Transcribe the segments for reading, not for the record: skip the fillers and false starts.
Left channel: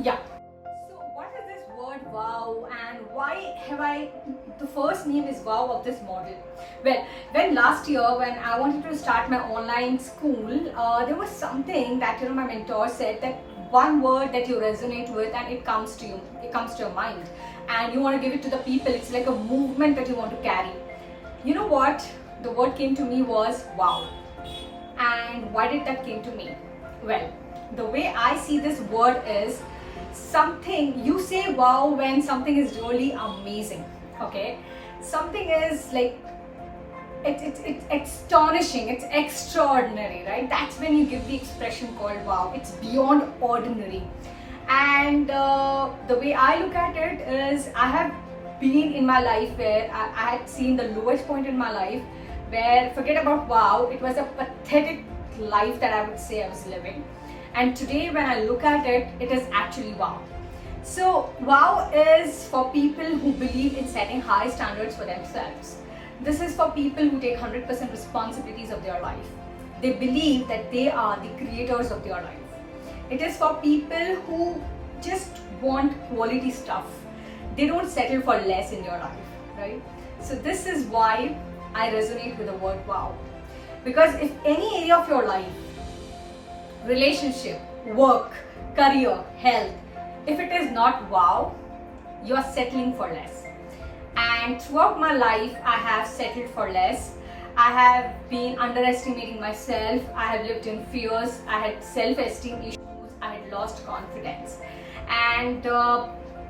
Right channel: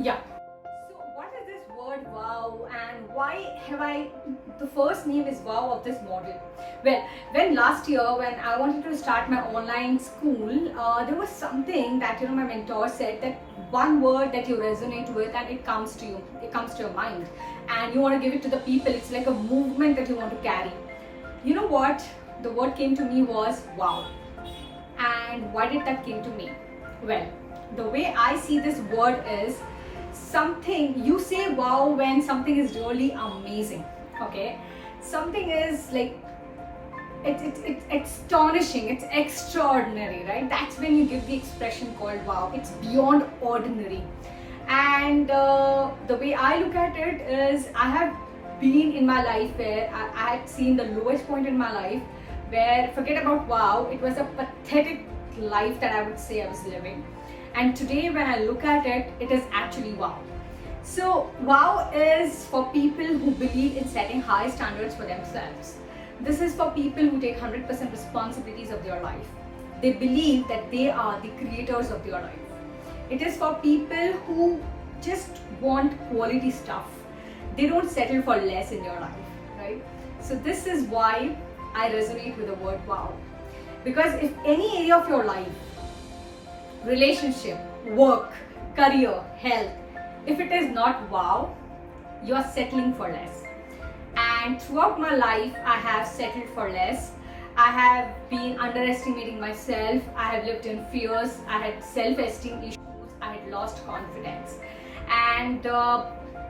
Yeah. So what is this word wow, and why have I the first name is wow of this model? Well, when last year when I wanted to start my online school, there was something that my mentor said, that one word that you resonate with and it comes to you, it comes to your mind, and you want to give it to the people. It's like a movement that you want to carry. You know what? The word came to me was wow. And why did that came to me? Well, the way I see this word is, something you say wow when something is really amazing. Okay, something is like it's astonishing, it's extraordinary, right? That's when you give the expression called wow. It's beyond ordinary. And the way I look at it is, I have been in my life where I had seen the lowest point in my life, where forget about wow, it was a pathetic life that I would say I was living. And today when I look at it, it is actually wow. So wow is for people who believe in setting high standards for themselves. This is for people who take 100% responsibilities of their life. They believe that they are the creators of their life. It is for people who just want quality stuff. They don't settle for less in their life, right? So this is why I resonate with the word wow. Because if any area of your life, relationship, work, career, health, if it is not wow, you are settling for less. And throughout my life, I have settled for less. I have been underestimating myself. I have lived in fears. I had self-esteem issues. I had lost confidence. And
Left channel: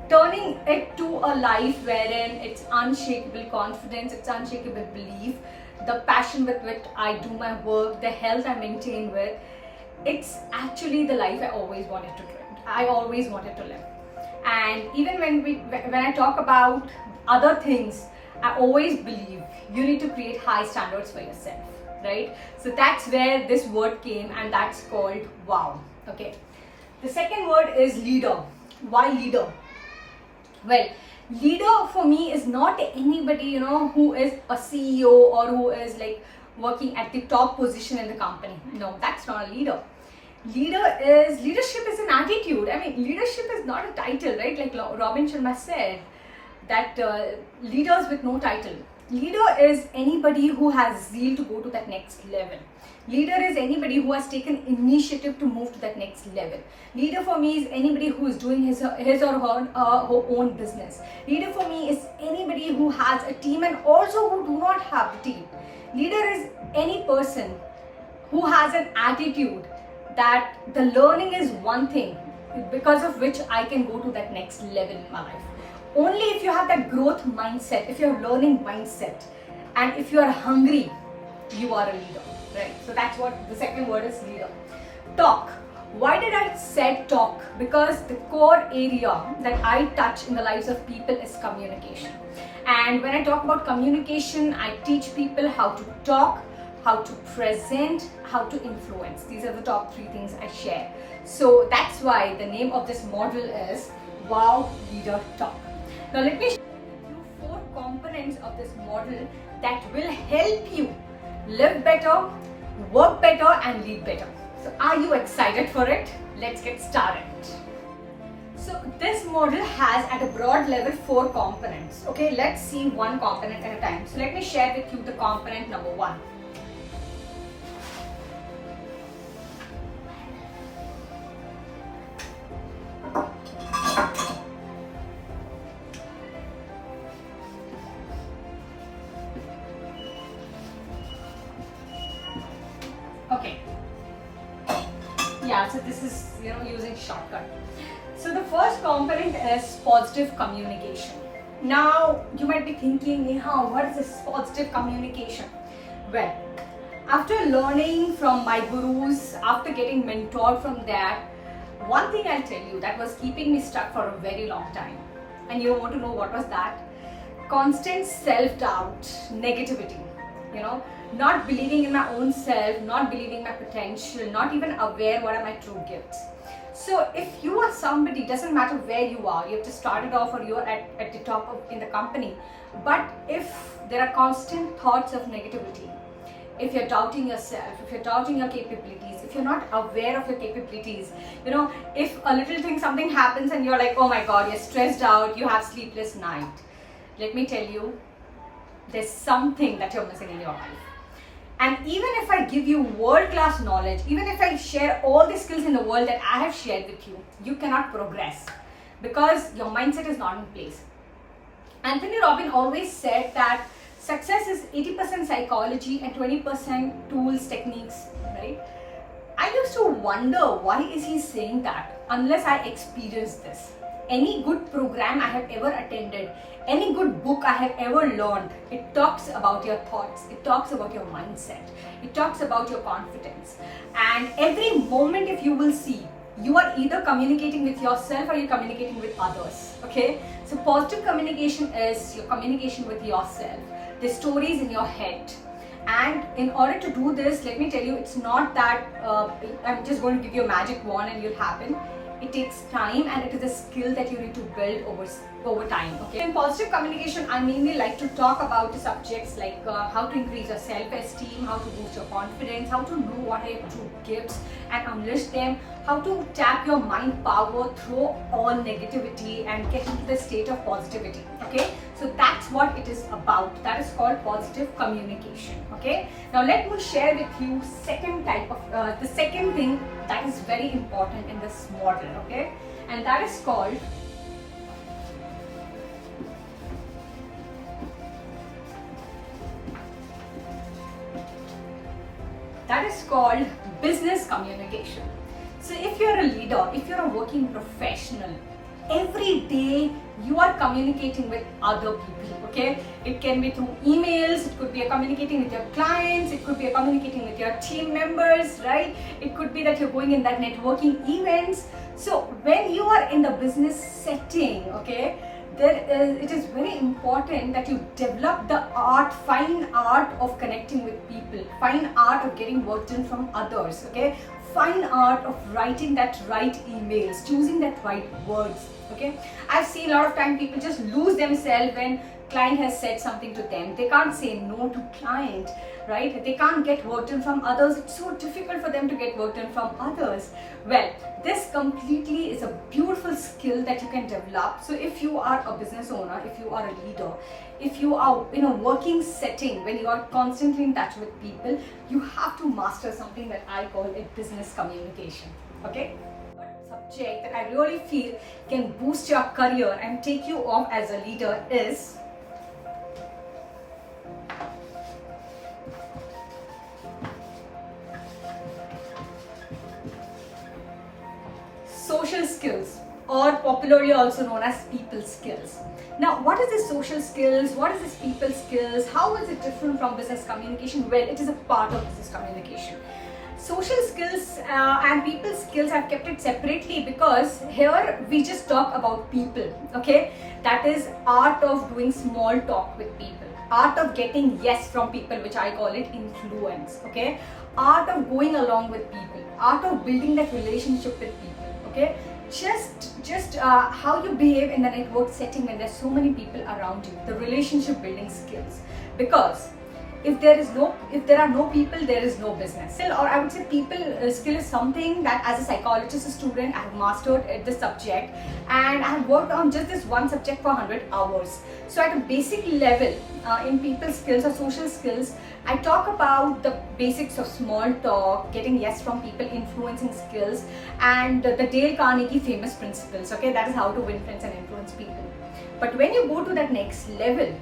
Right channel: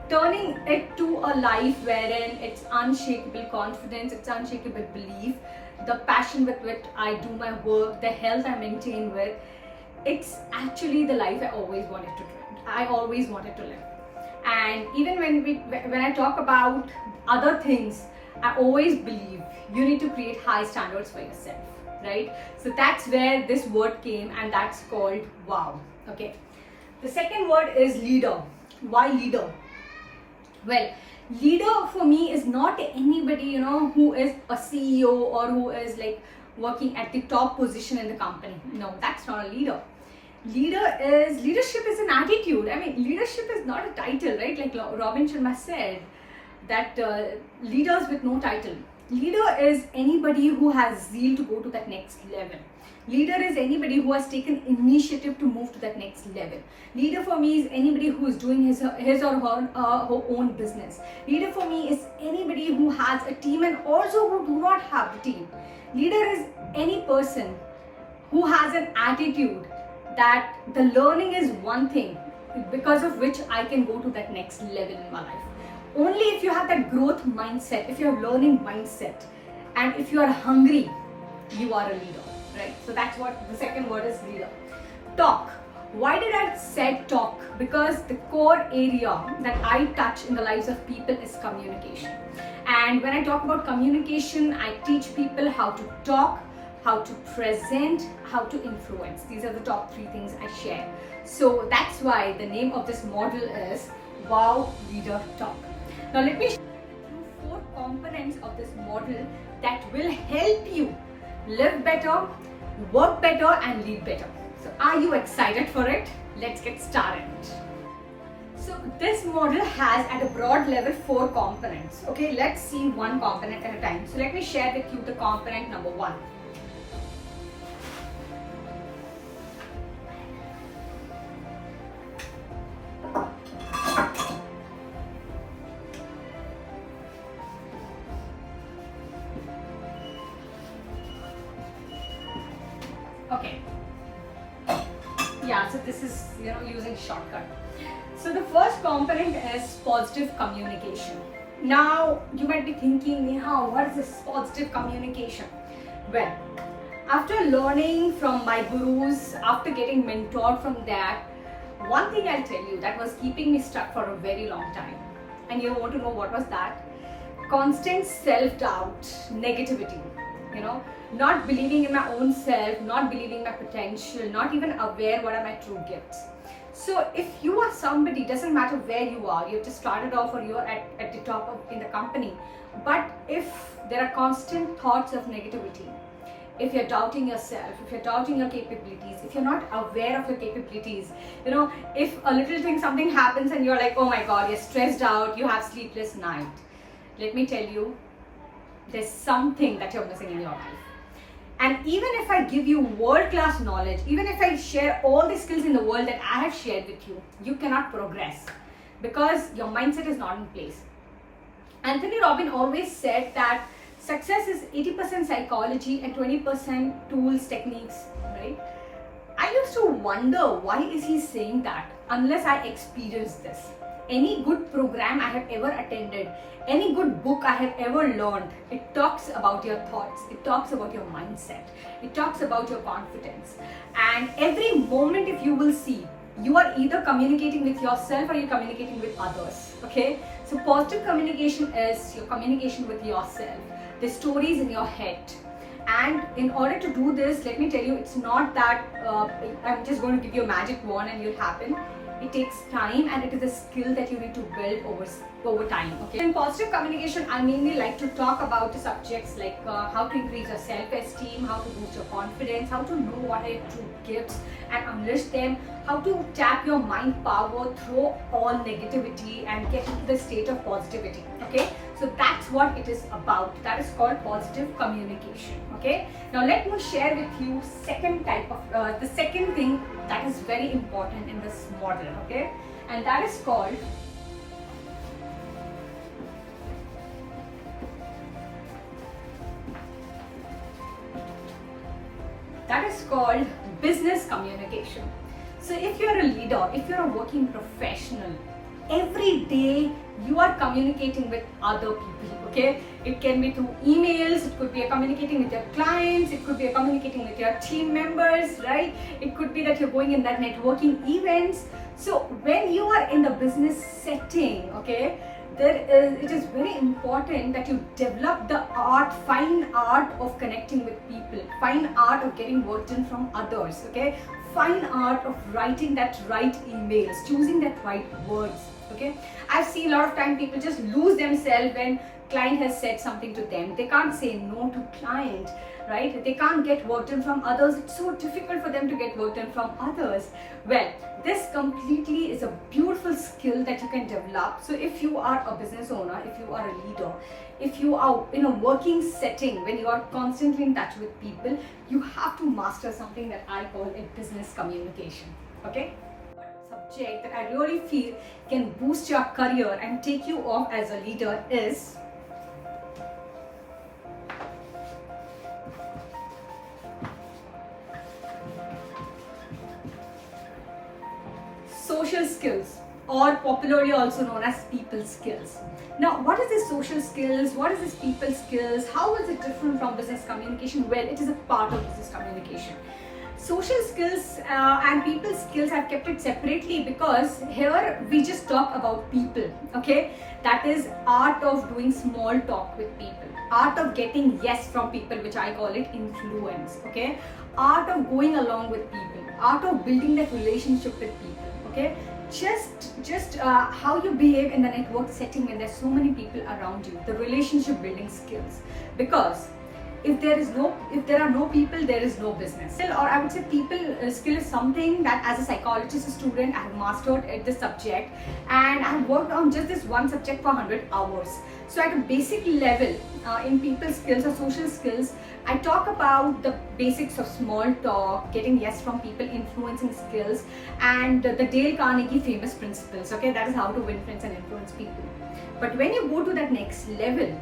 turning it to a life wherein it's unshakable confidence, it's unshakable belief, the passion with which I do my work, the health I maintain with, it's actually the life I always wanted to live. I always wanted to live. And even when I talk about other things, I always believe you need to create high standards for yourself, right? So that's where this word came, and that's called wow. Okay. The second word is leader. Why leader? Well, leader for me is not anybody who is a CEO or who is like working at the top position in the company. No, that's not a leader. Leadership is an attitude. I mean, leadership is not a title, right? Like Robin Sharma said, that leaders with no title. Leader is anybody who has zeal to go to that next level. Leader is anybody who has taken initiative to move to that next level. Leader for me is anybody who is doing his or her own business. Leader for me is anybody who has a team and also who do not have the team. Leader is any person who has an attitude that the learning is one thing because of which I can go to that next level in my life. Only if you have that growth mindset, if you're learning mindset, and if you are hungry, you are a leader, right? So that's what the second word is, leader. Talk. Why did I say talk? Because the core area that I touch in the lives of people is communication. And when I talk about communication, I teach people how to talk, how to present, how to influence. These are the top 3 things I share. So that's why the name of this model is Wow Leader Talk. Now let me share with you 4 components of this model that will help you live better, work better, and lead better. So are you excited for it? Let's get started. So this model has at a broad level 4 components. Okay, let's see one component at a time. So let me share with you the component number 1. Okay. Yeah, so this is using shortcut. So the first component is positive communication. Now you might be thinking, Neha, what is this positive communication? Well, after learning from my gurus, after getting mentored from that, one thing I'll tell you that was keeping me stuck for a very long time. And you want to know what was that? Constant self-doubt, negativity, not believing in my own self, not believing my potential, not even aware what are my true gifts. So if you are somebody, doesn't matter where you are, you have just started off or you're at the top in the company, but if there are constant thoughts of negativity, if you're doubting yourself, if you're doubting your capabilities, if you're not aware of your capabilities, if a little thing, something happens and you're like, oh my God, you're stressed out, you have sleepless night, let me tell you, there's something that you're missing in your life. And even if I give you world-class knowledge, even if I share all the skills in the world that I have shared with you, you cannot progress because your mindset is not in place. Anthony Robbins always said that success is 80% psychology and 20% tools, techniques, right? I used to wonder, why is he saying that unless I experienced this? Any good program I have ever attended, any good book I have ever learned, it talks about your thoughts, it talks about your mindset, it talks about your confidence. And every moment, if you will see, you are either communicating with yourself or you're communicating with others, okay? So positive communication is your communication with yourself, the stories in your head. And in order to do this, let me tell you, it's not that I'm just going to give you a magic wand and it'll happen. It takes time and it is a skill that you need to build over time. Okay. In positive communication, I mainly like to talk about the subjects like how to increase your self-esteem, how to boost your confidence, how to know what are your true gifts and unleash them, how to tap your mind power through all negativity and get into the state of positivity. Okay. So that's what it is about. That is called positive communication. Okay. Now let me share with you second type of the second thing that is very important in this model. Okay, and that is called business communication. So if you're a leader, if you're a working professional, every day you are communicating with other people. Okay, it can be through emails, it could be communicating with your clients, it could be communicating with your team members, right? It could be that you're going in that networking events. So when you are in the business setting, okay, it is very important that you develop the fine art of connecting with people, fine art of getting work done from others, okay, fine art of writing that right emails, choosing that right words. Okay, I've seen a lot of time people just lose themselves when client has said something to them. They can't say no to client, right? They can't get work done from others. It's so difficult for them to get work done from others. Well, this completely is a beautiful skill that you can develop. So if you are a business owner, if you are a leader, if you are in a working setting, when you are constantly in touch with people, you have to master something that I call it business communication. Okay? Subject that I really feel can boost your career and take you off as a leader is social skills, or popularly also known as people skills. Now, what is this social skills? What is this people skills? How is it different from business communication? Well, it is a part of business communication. Social skills and people skills, I've kept it separately because here we just talk about people, okay? That is art of doing small talk with people, art of getting yes from people, which I call it influence, okay? Art of going along with people, art of building that relationship with people, okay? Just how you behave in the network setting when there's so many people around you, the relationship building skills. Because if there are no people, there is no business. Or I would say people skill is something that as a psychologist, a student, I have mastered at this subject, and I have worked on just this one subject for 100 hours. So at a basic level, in people skills or social skills, I talk about the basics of small talk, getting yes from people, influencing skills, and the Dale Carnegie famous principles. Okay, that is how to win friends and influence people. But when you go to that next level,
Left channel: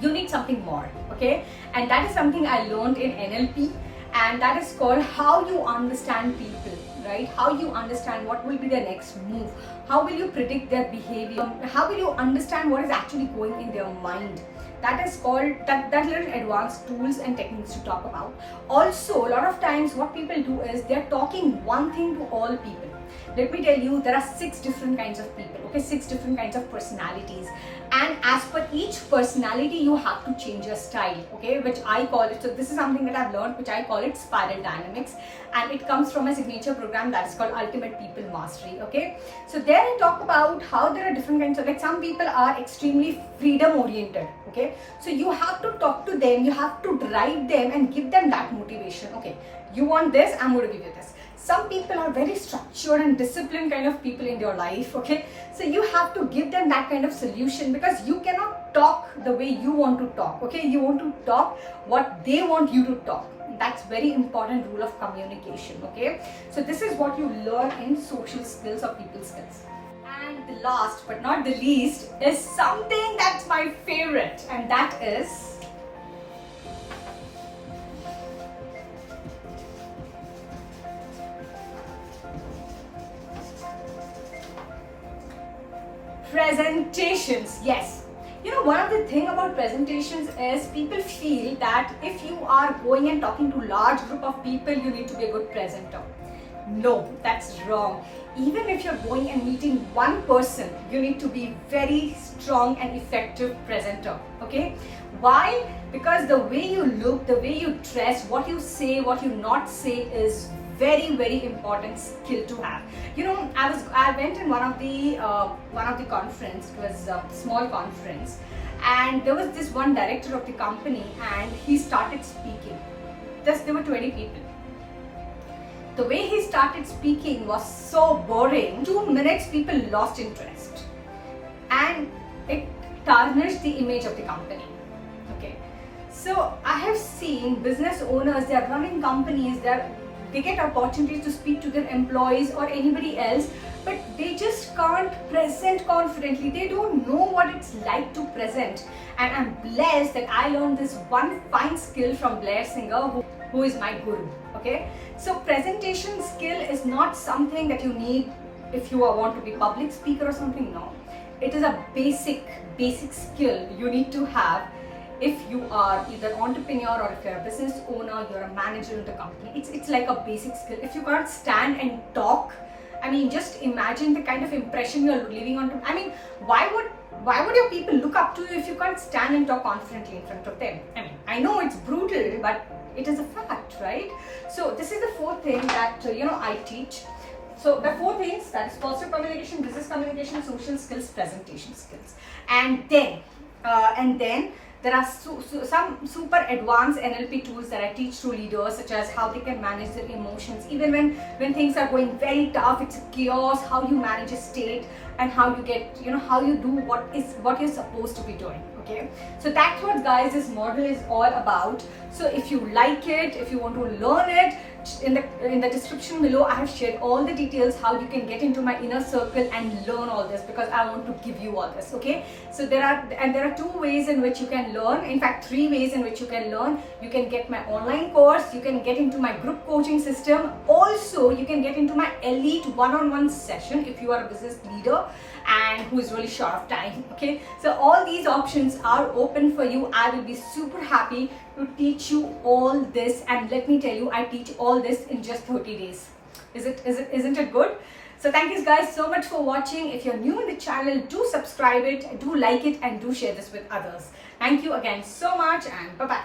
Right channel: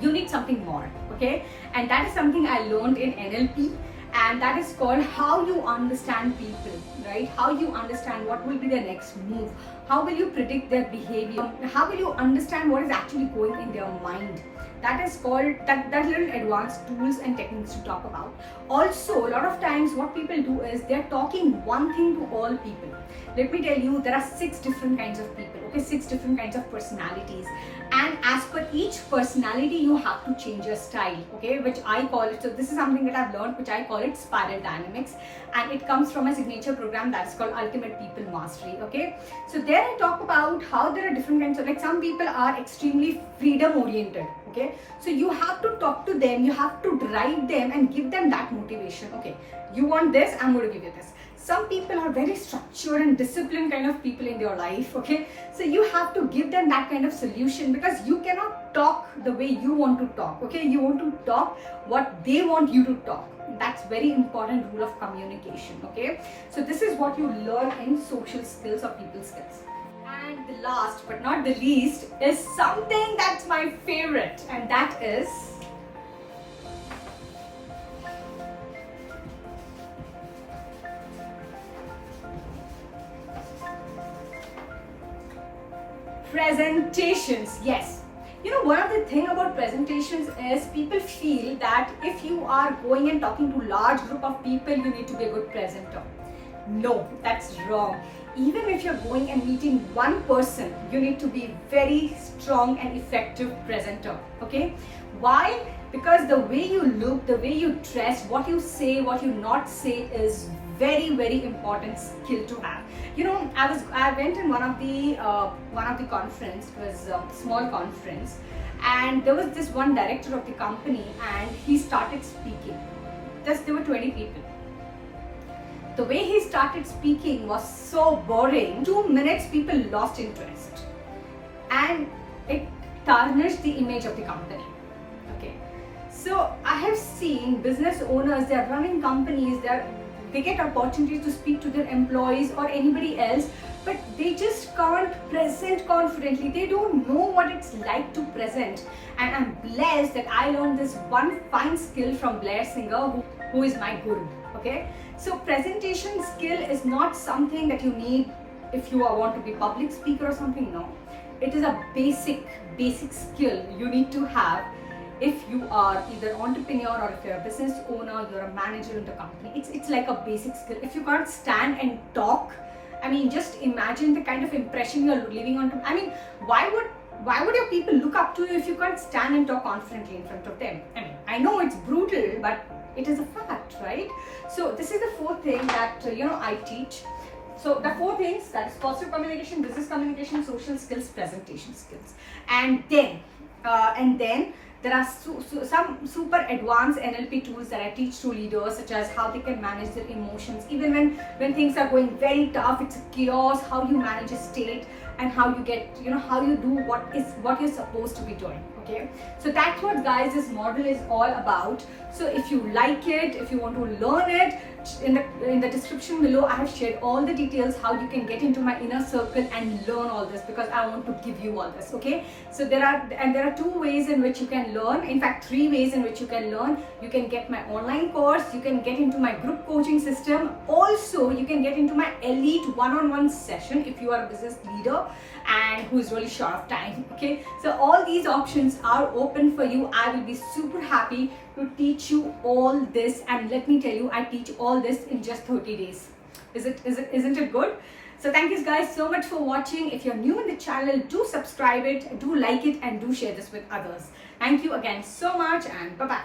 you need something more, okay? And that is something I learned in NLP, and that is called how you understand people, right? How you understand what will be their next move, how will you predict their behavior, how will you understand what is actually going in their mind. That is called, that little advanced tools and techniques to talk about. Also, a lot of times what people do is they're talking one thing to all people. Let me tell you, there are 6 different kinds of people, okay? 6 different kinds of personalities. And as per each personality, you have to change your style, okay? Which I call it, so this is something that I've learned, which I call it spiral dynamics. and it comes from a signature program that's called Ultimate People Mastery. Okay, so there I talk about how there are different kinds of, like, some people are extremely freedom oriented. Okay, so you have to talk to them, you have to drive them and give them that motivation. Okay, you want this, I'm going to give you this. Some people are very structured and disciplined kind of people in your life. Okay, so you have to give them that kind of solution, because you cannot talk the way you want to talk. Okay, you want to talk what they want you to talk. That's very important rule of communication. Okay, so this is what you learn in social skills or people skills. And the last but not the least is something that's my favorite, and that is presentations. Yes, you know, one of the thing about presentations is people feel that if you are going and talking to large group of people, you need to be a good presenter. No, that's wrong. Even if you're going and meeting one person, you need to be very strong and effective presenter. Okay, why? Because the way you look, the way you dress, what you say, what you not say is very important skill to have. You know, I went in one of the conference. It was a small conference, and there was this one director of the company, and he started speaking. There were 20 people. The way he started speaking was so boring. 2 minutes, people lost interest, and it tarnished the image of the company. Okay, so I have seen business owners, they are running companies, they get opportunities to speak to their employees or anybody else, but they just can't present confidently. They don't know what it's like to present. And I'm blessed that I learned this one fine skill from Blair Singer, who is my guru. Okay, so presentation skill is not something that you need if you want to be public speaker or something. No, it is a basic skill you need to have if you are either entrepreneur or if you're a business owner, you're a manager in the company. It's like a basic skill. If you can't stand and talk, I mean, just imagine the kind of impression you're leaving on. I mean, why would your people look up to you if you can't stand and talk confidently in front of them? I mean, I know it's brutal, but it is a fact, right? So this is the 4th thing that I teach. So the 4 things, that is positive communication, business communication, social skills, presentation skills, and then there are some super advanced NLP tools that I teach to leaders, such as how they can manage their emotions even when things are going very tough, it's chaos, how you manage a state, and how you get, how you do what you're supposed to be doing. Okay, so that's what, guys, this model is all about. So if you like it, if you want to learn it, in the description below I have shared all the details how you can get into my inner circle and learn all this, because I want to give you all this. Okay, so there are 2 ways in which you can learn. In fact, 3 ways in which you can learn. You can get my online course, you can get into my group coaching system, also you can get into my elite one-on-one session if you are a business leader and who is really short of time. Okay, so all these options are open for you. I will be super happy to teach you all this, and let me tell you, I teach all this in just 30 days. Isn't it good? So thank you guys so much for watching. If you're new in the channel, do subscribe it, do like it, and do share this with others. Thank you again so much, and bye bye.